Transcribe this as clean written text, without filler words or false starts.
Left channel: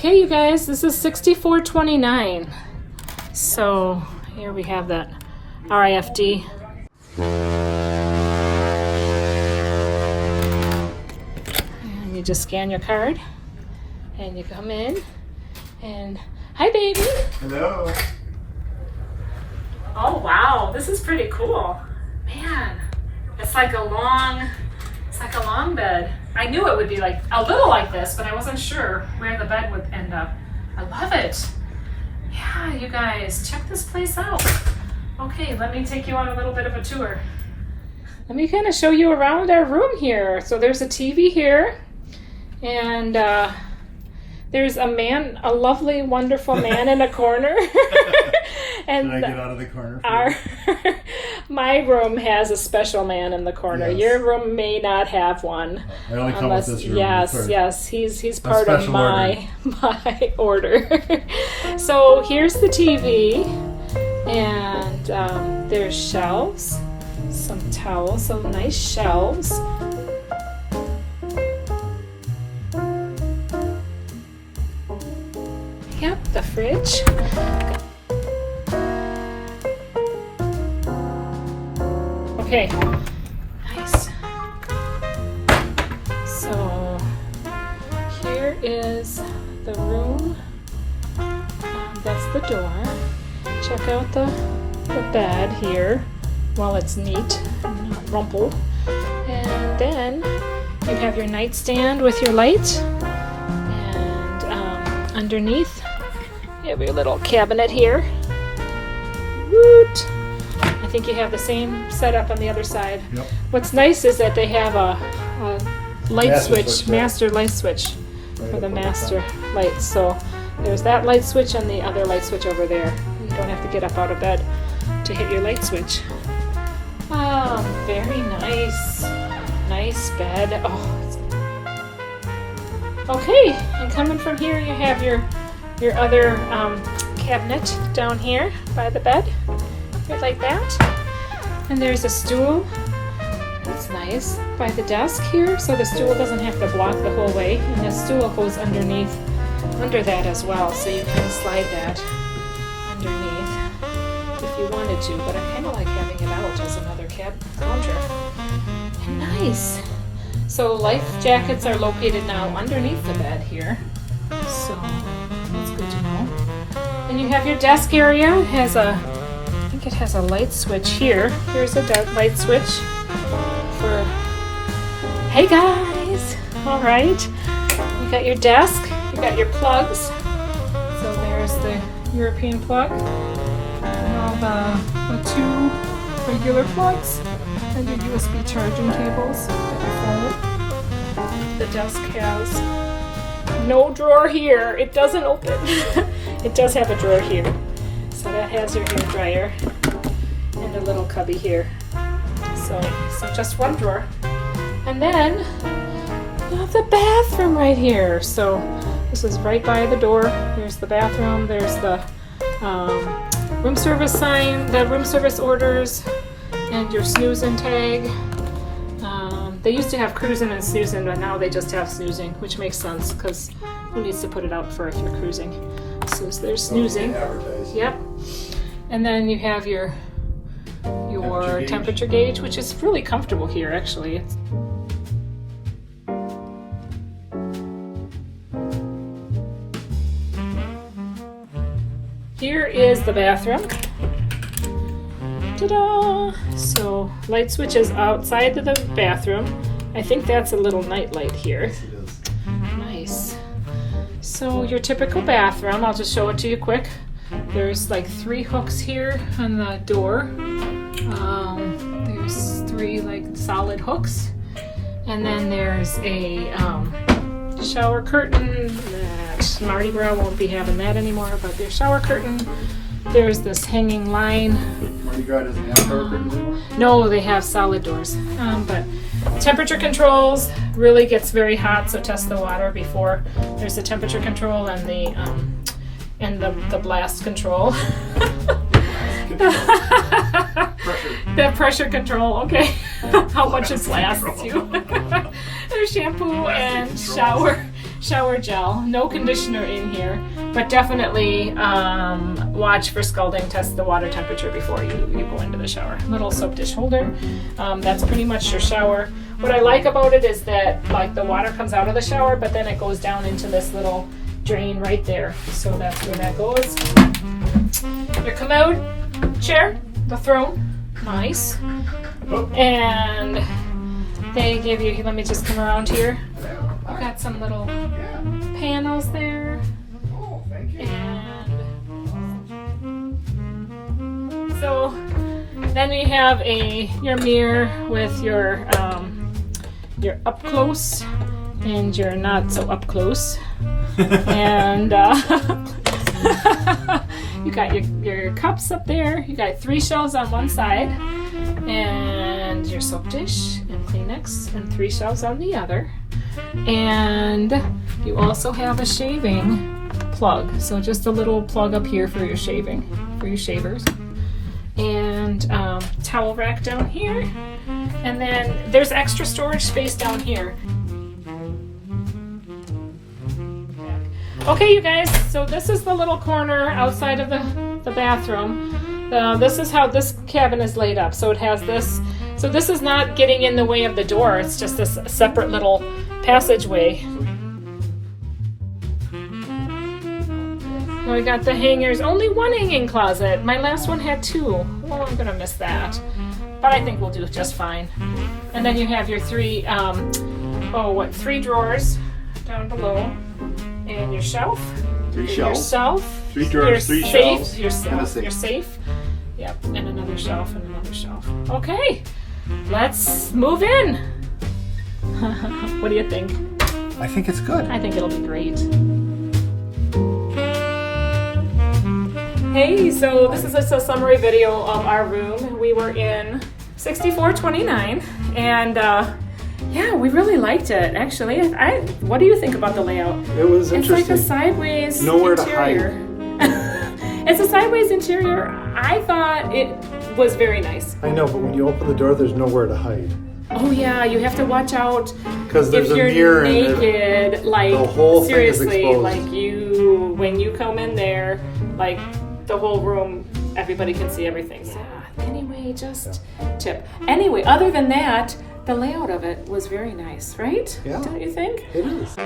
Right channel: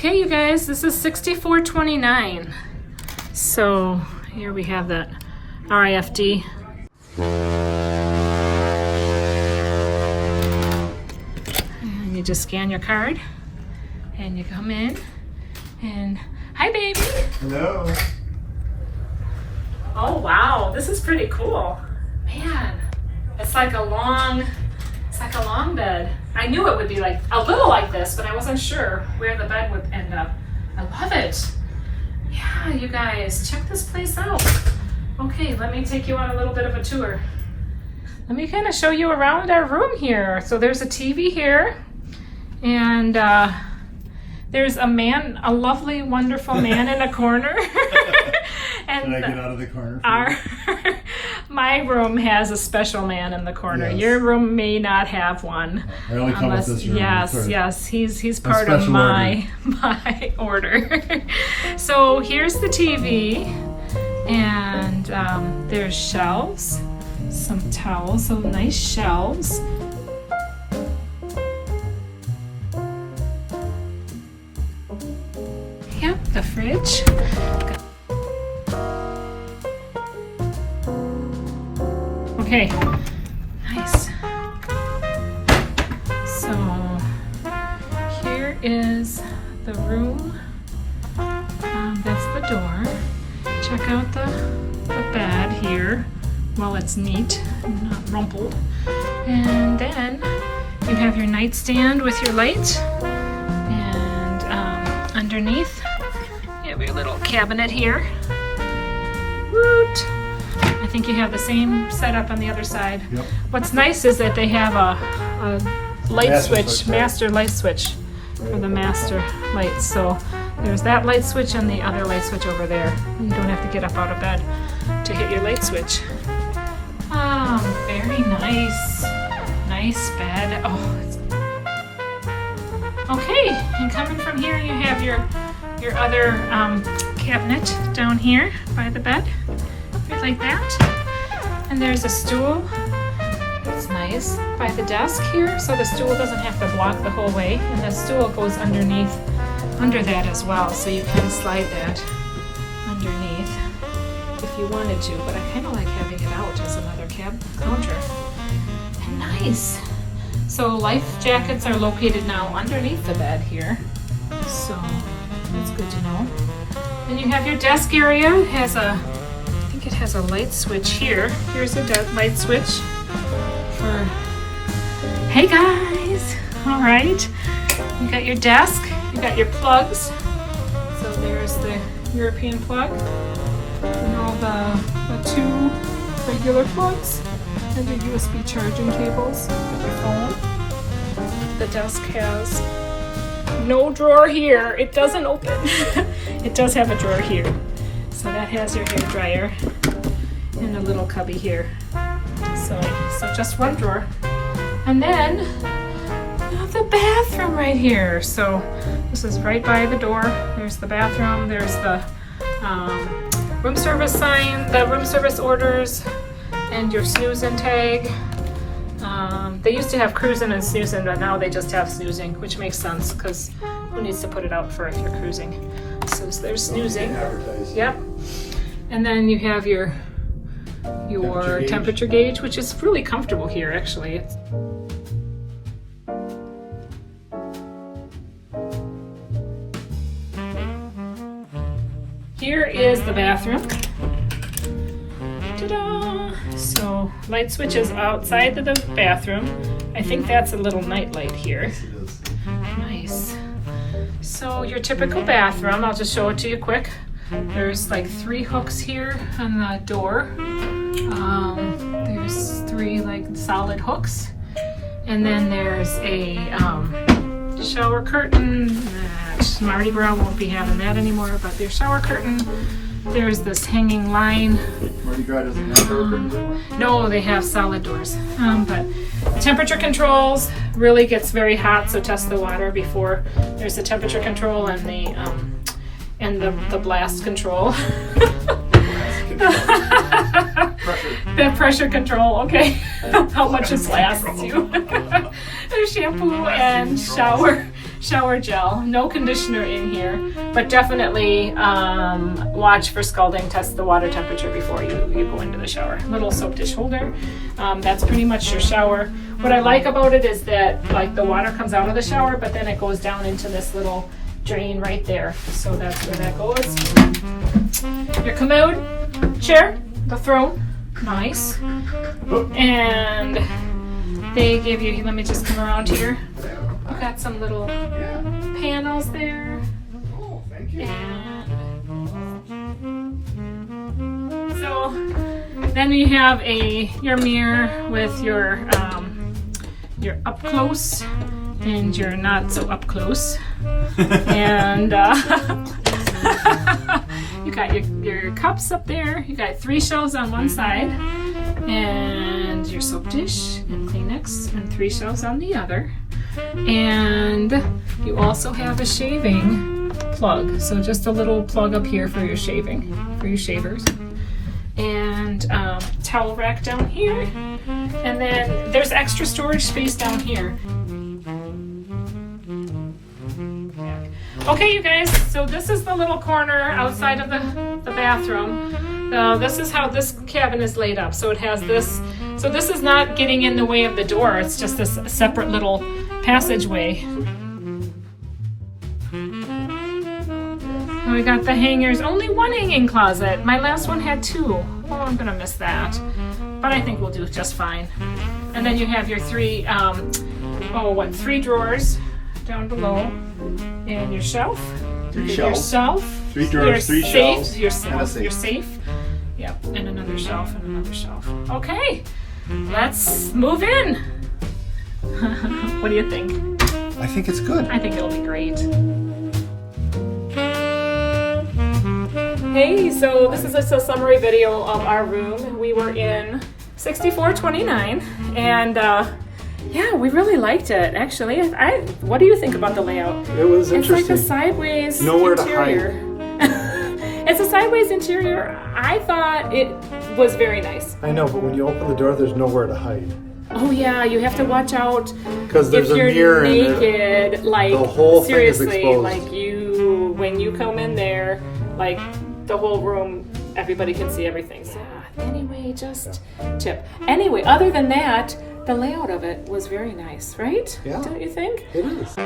Okay, you guys, this is $64.29. So here we have that RIFD. And you just scan your card and you come in and hi baby. Hello. Oh wow, this is pretty cool. Man, it's like a long bed. I knew it would be like a little like this, but I wasn't sure where the bed would end up. I love it. Yeah, you guys, check this place out. Okay, let me take you on a little bit of a tour. Let me kind of show you around our room here. So there's a TV here, and there's a lovely, wonderful man in a corner. And can I get out of the corner? My room has a special man in the corner. Yes. Your room may not have one. I only come with this room. Yes, he's part of my order. So here's the TV, and there's shelves, some towels, so nice shelves. Yep, the fridge. Okay, nice. So here is the room. That's the door. Check out the bed here while it's neat and not rumpled. And then you have your nightstand with your light. And underneath, you have your little cabinet here. Woot! I think you have the same setup on the other side. Yep. What's nice is that they have a light switch, master light switch for the master lights. So there's that light switch and the other light switch over there. You don't have to get up out of bed to hit your light switch. Oh, very nice. Nice bed. Oh, okay, and coming from here, you have your other cabinet down here by the bed. Like that. And there's a stool. That's nice. By the desk here, so the stool doesn't have to block the whole way. And the stool goes under that as well, so you can slide that underneath if you wanted to. But I kind of like having it out as another counter. And nice. So life jackets are located now underneath the bed here. So that's good to know. And you have your desk area. It has a light switch here. Here's a light switch for, hey guys, all right. You got your desk, you got your plugs. So there's the European plug, and all the two regular plugs, and the USB charging cables for your phone. The desk has no drawer here. It doesn't open. It does have a drawer here. So that has your hair dryer and a little cubby here. So just one drawer. And then you have the bathroom right here. So this is right by the door. There's the bathroom. There's the room service sign, the room service orders, and your snoozing tag. They used to have cruising and snoozing, but now they just have snoozing, which makes sense because who needs to put it out for if you're cruising? So there's snoozing. Yep. And then you have your temperature gauge, which is really comfortable here actually. Here is the bathroom. Ta-da! So light switch is outside of the bathroom. I think that's a little night light here. Yes, it is. Nice. So your typical bathroom, I'll just show it to you quick. There's like 3 hooks here on the door. There's 3 like solid hooks. And then there's a shower curtain that Mardi Gras won't be having that anymore, but there's shower curtain. There's this hanging line. Mardi Gras doesn't have shower curtains? No, they have solid doors. But temperature controls, really gets very hot, so test the water before. There's the temperature control and the blast control. The pressure control, okay. How much it lasts you. There's shampoo and shower gel. No conditioner in here, but definitely watch for scalding. Test the water temperature before you go into the shower. Little soap dish holder. That's pretty much your shower. What I like about it is that like the water comes out of the shower, but then it goes down into this little drain right there. So that's where that goes. Your commode chair, the throne, nice. And they give you, let me just come around here. Got some little panels there. Oh, thank you. So then you have your mirror with your up close and your not so up close. And you got your cups up there. You got 3 shelves on one side, and your soap dish and Kleenex, and 3 shelves on the other. And you also have a shaving plug. So just a little plug up here for your shaving, for your shavers. And towel rack down here. And then there's extra storage space down here. Okay, you guys, so this is the little corner outside of the bathroom. This is how this cabin is laid up. So it has this, so this is not getting in the way of the door. It's just this separate little passageway. So we got the hangers, only 1 hanging closet. My last one had 2. Oh, I'm gonna miss that. But I think we'll do just fine. And then you have your 3 drawers down below. And your shelf. Your shelf. 3 drawers, 3 shelves. Your safe. Yep, and another shelf and another shelf. Okay, let's move in. What do you think? I think it's good. I think it'll be great. Hey, so this is just a summary video of our room. We were in 6429, and yeah, we really liked it, actually. What do you think about the layout? It was interesting. It's like a sideways Nowhere interior. to hide. It's a sideways interior. I thought it was very nice. I know, but when you open the door, there's nowhere to hide. Oh yeah, you have to watch out. Because there's if a you're mirror in naked, there. like The whole thing is seriously, exposed. like when you come in there, like the whole room, everybody can see everything. So anyway, just tip. Anyway, other than that, the layout of it was very nice, right? Yeah. Don't you think? It is.